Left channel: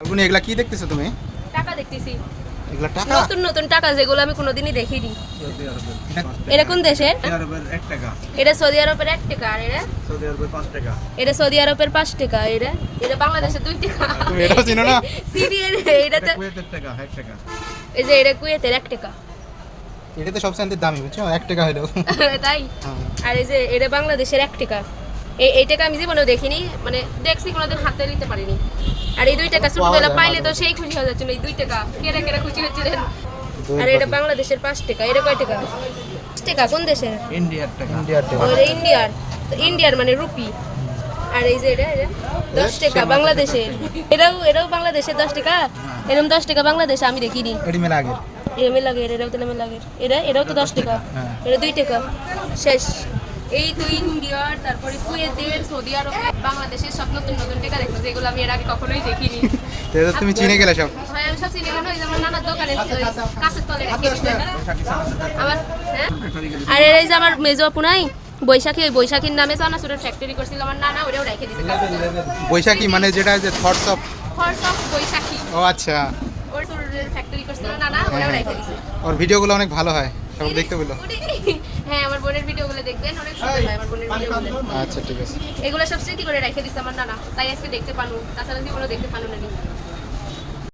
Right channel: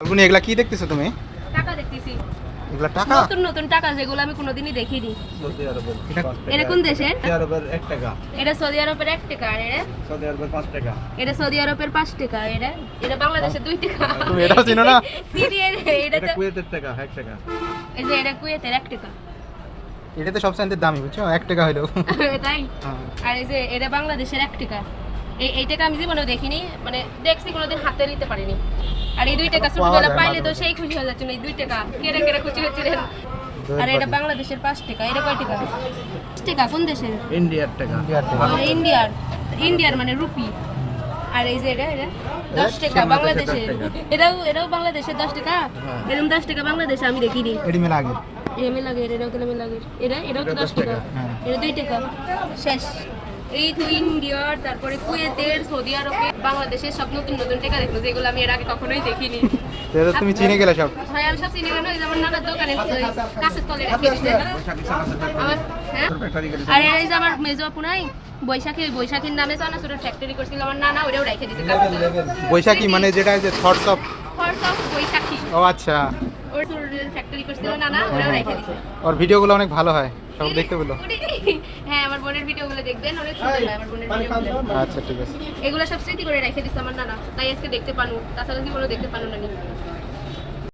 ফাল্গুনি, এগুলা কি দেখতেছো তুমি? টাকা দেখতেছি, এগুলা টাকা? নতুন নতুন টাকা যেগুলো আমি কোনোদিনই দেখিনি। এটা এটা কোন দেশের? সৌদি আরবের 1 টাকা, এটা সৌদি আরবের 1 টাকা। আর এটা সৌদি আরবের 5 টাকা। এটা সৌদি আরবের 5 টাকা। এটা এটা বাংলাদেশের 2 টাকা। তুমি এটাও চিনো না? সিরিয়াল এটা এটা তো কুয়েতের টাকা, 1 টাকা। এই যে এটা কুয়েতের 1 টাকা। এটা তো সবচেয়ে দামি, বুঝছো? 1 টাকা হইলো। তাই? হ্যাঁ। আর এই যে এটা বাংলাদেশের 1 টাকা। এই টাকা আমি জীবনেও দেখিনি, মানে দেখছি কোনোদিন হাতে নিতে পারিনি। আর এই 2 টাকা ছোটবেলা পাইলে তো সেই খুশি হয়ে যাচ্ছিল। এই 2 টাকা কেটে কেটে খুশি হচ্ছিলেন। আর এটা বাংলাদেশের 5 টাকা। এটা কয় টাকা? 5 টাকা কোন দেশের? ইন্ডিয়ার টাকা। ইন্ডিয়ার টাকা। আর ইন্ডিয়ার, তো ইন্ডিয়ার মানে রুপি। আর এই যে এটা 10 টাকা বাংলাদেশের। এটাও বাংলাদেশের 10 টাকা। এরকম 10 টাকা বাংলাদেশে আমি দেখিনি। এডি মেলা আগে। এমএ লাগে, এটাও তো এমএ লাগে। এটাও তো 10 টাকা। হ্যাঁ। এটা 2 টাকা। শেষ। এই তো ইন্ডিয়ার, তারপরে কুয়েতের, সৌদি আরবের, বাংলাদেশের সব নতুন নতুন টাকা দেখলো, যেগুলো আমি এর আগে কখনোই দেখিনি। তো তুমি চিনে গেলে সব। হয় আমি সব চিনি না, যেমন নানার দোকানে কাছের তলে রেখে দিছে। আমার হ্যাঁ? আর এই যে আমার মেজো আপু নাই, বৈশাখী, ওই বৈশাখীর নামে চানাচুরের ফ্যাক্টরি করছিল আমার নানা, ওটাও রেখে দিছে কাছের তলে। বৈশাখী মানে যেটা যে থটস অফ। ফলস অফ বৈশাখী, ও আচ্ছা। ওর চুরের ফ্যাক্টরি করছিল নানা, ওটাও রেখে দিছে। ওর ভিডিওগুলো অনেক ভালো হয়, সব দেখতে বলো। হ্যাঁ, আমার বোনের ভিডিওগুলো দেখবেন, অনেক সুন্দর হয় আমার বোনের ভিডিওগুলো। আচ্ছা ঠিক আছে। এগুলো সব স্মৃতি করে রেখে দিছে আমার নানা, তাই আজকে দেখতে পানু, তাছাড়া জীবনে দেখতে পানু না।